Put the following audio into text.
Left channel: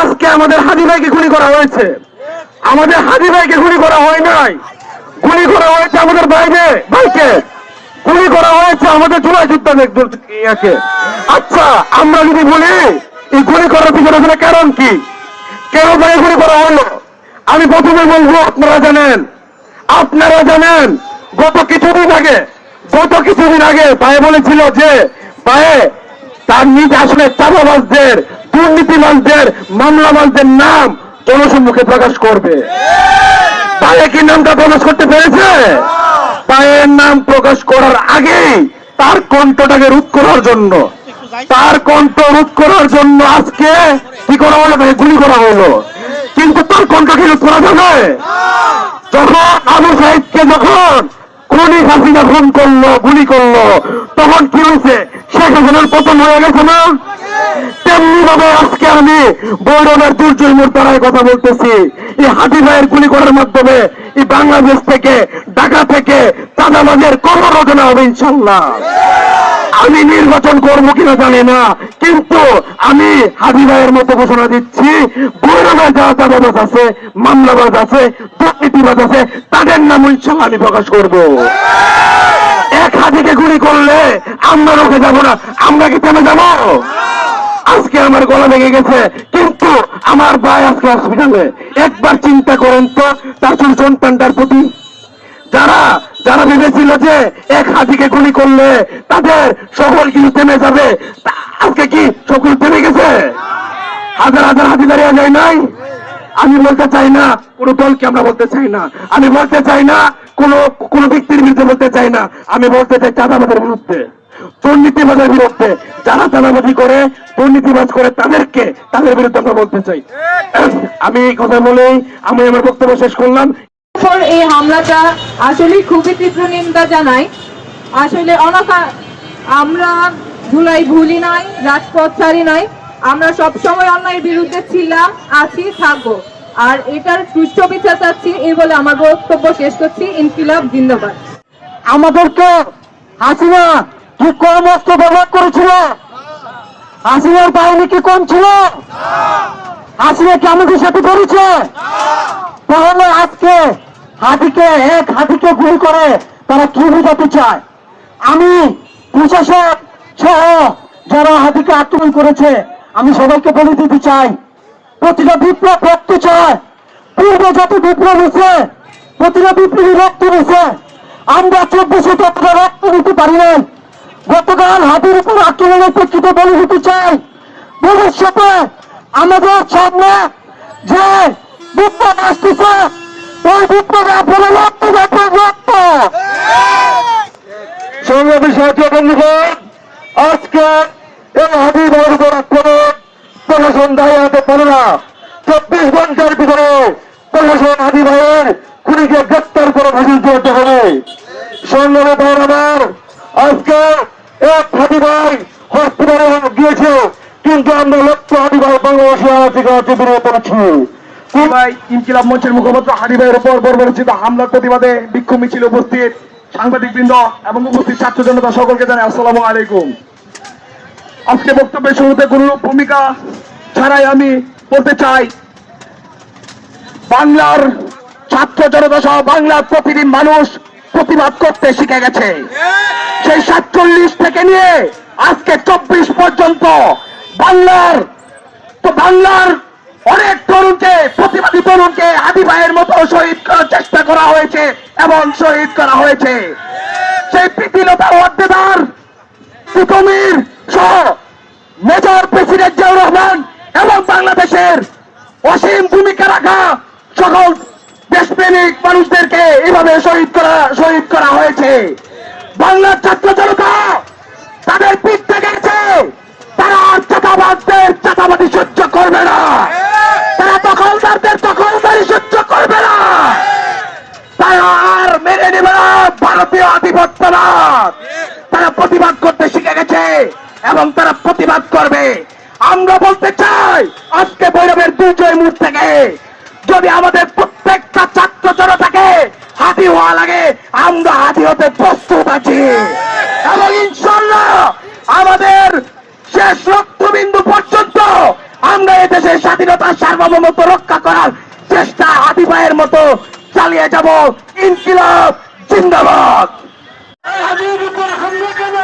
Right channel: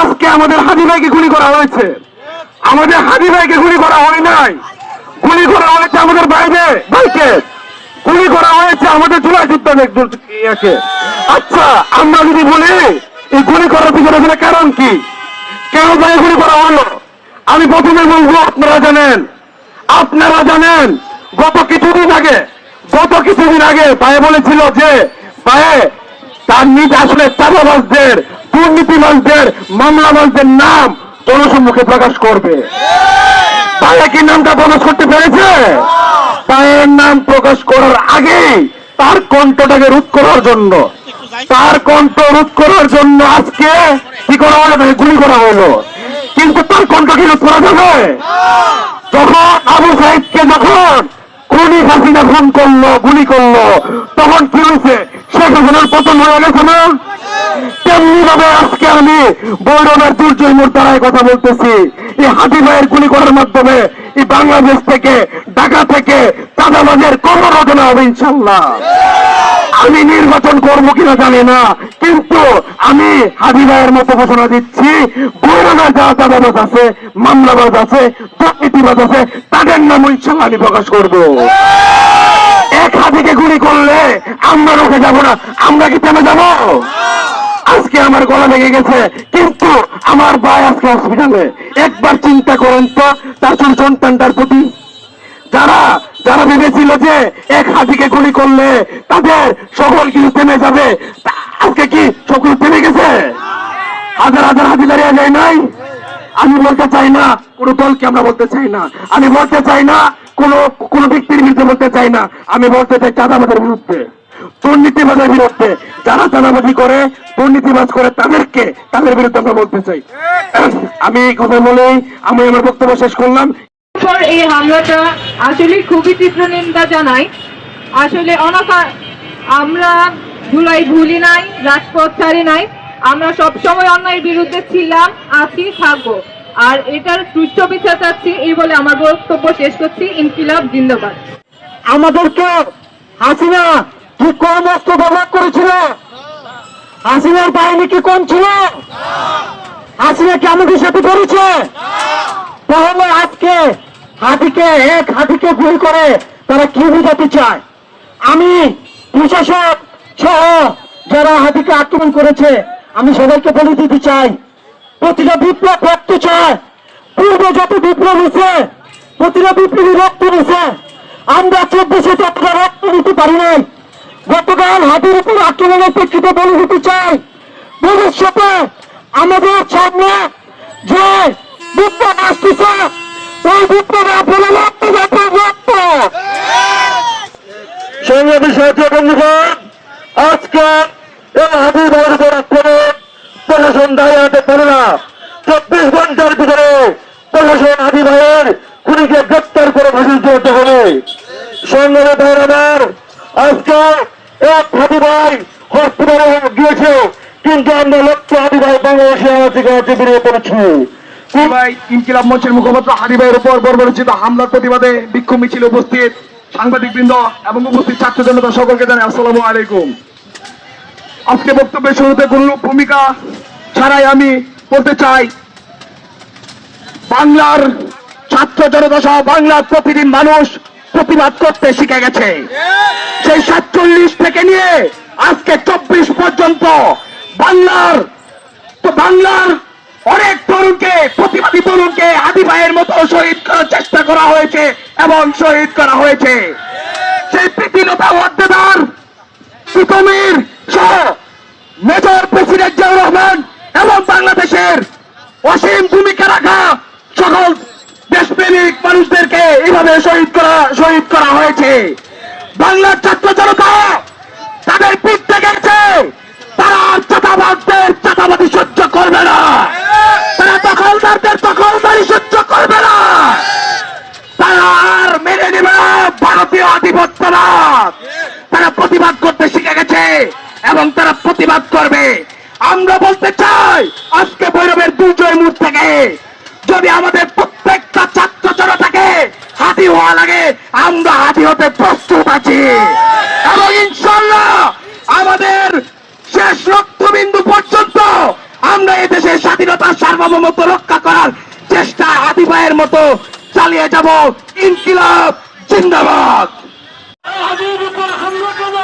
আজকে আমাদের হাজি ভাইকে গুলি করা হয়েছে, আমাদের হাজি ভাইকে গুলি করা হয় নাই, গুলি করা হয়েছে আমাদের ভাইকে, গুলি করা হয়েছে আমাদের চুলা যোদ্ধাকে। আচ্ছা, আমরা যদি বলি এই গুলি করার পিছনে কারণ কি, কেন ভাই গুলি করা হলো? আমি প্রথমে বলবো, আপনারা জানেন গত কিছুদিন আগে ভাই বলেছিল যে ভাই তার নিজ আসলে চাঁদাবাজদের, দুর্নীতিবাজদের, মামলাবাজদের নাম জনসম্মুখে প্রকাশ করবে। ভাইয়া কি নামটা প্রকাশ করতে পেরেছে? ভাইয়ের নাম প্রকাশ করার আগে তার কণ্ঠটাকে রোধ করার জন্য, আজকে কি করা হলো? গুলি করা হলো। কিন্তু তার কণ্ঠকে রোধ করা যাবে? যখন আবু সাইদকে খুনি হাসিনা ফোন করলো, গুলি করলো, তখন কি হয়েছে? শেখ হাসিনার পতন হয়ে গেছে না? তেমনি ভাবে আজকে আমি বৈরবের দুর্জয় মোর্তারায় কথা বলতেছি, এই হাজি ভাইয়ের গুলি করার মাধ্যমে এই বাংলাদেশ থেকে, ঢাকা থেকে চাঁদাবাজের কর্মরচনা হবে ইনশাল্লাহ। আমি নির্বাচন করবো কিনা জানি না, কিন্তু আমি হাজি ভাইয়ের মতো ঘোষণা দিচ্ছি, বৈরবের যারা চাঁদাবাজ আছে, মামলাবাজ আছে, দুর্নীতিবাজ আছে, তাদের নাম ইনশাল্লাহ আমি প্রকাশ করবো। এক হাজিকে গুলি করলে আমরা রোখে যাবো না, আমরা কি থেমে যাবো? আজকে আমার গলা ভেঙে গেছে, কিন্তু আমার ভাই আজকে হসপিটালে। একবার চিন্তা করেন তো তার সন্তানটার প্রতি। যারা ভেবেছিল যে এক হাজিকে গুলি করলে তাদের সকল কিছু থেমে যাবে, আজকে কি সকল থেমে গেছে? হাজার হাজার হাজি দাঁড়িয়ে যায় নাই। আমি বলতে চাই না কোনো দলকে, আমরা বলতে চাই না, আমি বলতে চাই না কোন ব্যক্তির বিরুদ্ধে বলতে চাই না, আমি বলতে চাই চাঁদাবাদের বিরুদ্ধে, দুর্নীতিবাদের বিরুদ্ধে। যারা চাঁদাবাজি করে, দুর্নীতিবাজ করে, তাদের বিরুদ্ধে আমরা বলতে চাই। আমি এই কথা বলেই আমি আমার বক্তব্য শেষ করলাম। এই হামলাটা আসলে খুবই তীব্র নিন্দা জানাই। আসলে আমরা জুলাই ভুলি নাই, রাজপথ ছাড়ি নাই, আমরা সবসময় অন্যায়ের বিরুদ্ধে ছিলাম, আছি, থাকবো। আর এটার সুষ্ঠ বিচার চাচ্ছি, এই বলে আমার বক্তব্য শেষ করছি। ইনকিলাব জিন্দাবাদ। আমাদেরকে হাসিনা কি কর্মস্ত ব্যবহার করেছিল? হাসিনার বাহিনী কি কম ছিল? হাসিনা কি আমাদের সাথে করেছে? তাহলে আজকে এক হাতিকে গুলি করে তারা কি বোঝাতে চায়? আমি প্রশাসক সহ যারা হাতিকে আক্রমণ করেছে, আমি সবাইকে বলে দিতে চাই, প্রতিটা বিপ্লব রক্ত চায়। পূর্বে যত বিপ্লব হয়েছে, প্রতিটা বিপ্লবী রক্ত নিয়েছে। আমরা 24 ততটা রক্ত নিতে পারি নাই। গতকাল হাতির উপর আক্রমণের প্রেক্ষিতে বলে দিতে চাই, ভবিষ্যতে আমাদের সামনে যে বিপ্লব আসতেছে, ওই বিপ্লবে আপনারা রক্ত যাতে রক্ত। সংগ্রামী সাথী বন্ধুগণ, আজকে এই হাতি ভাইয়ের উপর আক্রমণ প্রশাসন দায়ী হতে পারে না। 24 ঘন্টার ভিতরে প্রশাসন হাতি ভাইয়ের খুনিকে গ্রেপ্তার করে ফাঁসিতে হতে হবে। সংগ্রামী ভাইয়ের আমার, আজকে এক হাতি ভাই হসপিটালে গিয়েছে, কিন্তু আমরা লক্ষ্য হাতি ভাই বাংলাদেশে থেকে বেরিয়ে পড়েছি। ইনকিলাব মঞ্চের মুখপাত্র হাদি ভাইয়ের উপর বর্বরচিত হামলার প্রতিবাদে বিক্ষোভ মিছিলে উপস্থিত সাংবাদিকবৃন্দ এবং উপস্থিত ছাত্র জনতা সকলকে জানাই আসসালামু আলাইকুম। আজকে বক্তব্যের শুরুতে কোনো ভূমিকা ছাড়াই আমি বলতে চাই, বাংলার ছাত্র জনতা সহ বাংলার প্রতিদিন মানুষ প্রতিবাদ করতে শিখে গেছে। সেই 47 থেকে নিয়ে আজকে 24 পর্যন্ত বাংলার অনেক তরুণকে, প্রতিবাদী তরুণকে হাদি ভাইয়ের মতো শহীদ করার চেষ্টা করা হয়েছে এবং শহীদ করা হয়েছে। সেই প্রীতিলতা ওয়াদ্দেদার, সুতমির সহ মেজর প্রেসিডেন্ট জিয়াউর রহমান এবং বাংলাদেশের অসীম ভূমিকা রাখা সকল দেশপ্রেমিক মানুষদেরকে এইভাবে শহীদ করা হয়েছে। বাংলার ছাত্র জনতা তাদের পিঠ থেকে গেছে, তারা আর চাঁদাবাদী সহ্য করবে না, তারা দখলদারদের দখলদারি সহ্য করবে না, তারা আর মেনে নেবে না ভারতীয় আধিপত্যবাদ। তারা প্রতিবাদ করতে শিখে গেছে এবং তারা প্রতিবাদ করবে। আমরা বলতে চাই, আজকে ভৈরবের দুর্জয় মোড় থেকে যদি আমাদের প্রত্যেকটা ছাত্র জনতাকে হাতি হওয়া লাগে, আমরা হাতি হতে প্রস্তুত আছি এবং ইনশাল্লাহ আমাদের শেষ রক্তবিন্দু পর্যন্ত আমরা এদেশের স্বাধীনতার সার্বভৌমত্ব রক্ষা করার চেষ্টা হাতি ভাইয়ের মতো চালিয়ে যাব। ইনকিলাব জিন্দাবাদ। হাতির উপর হামলা কেন?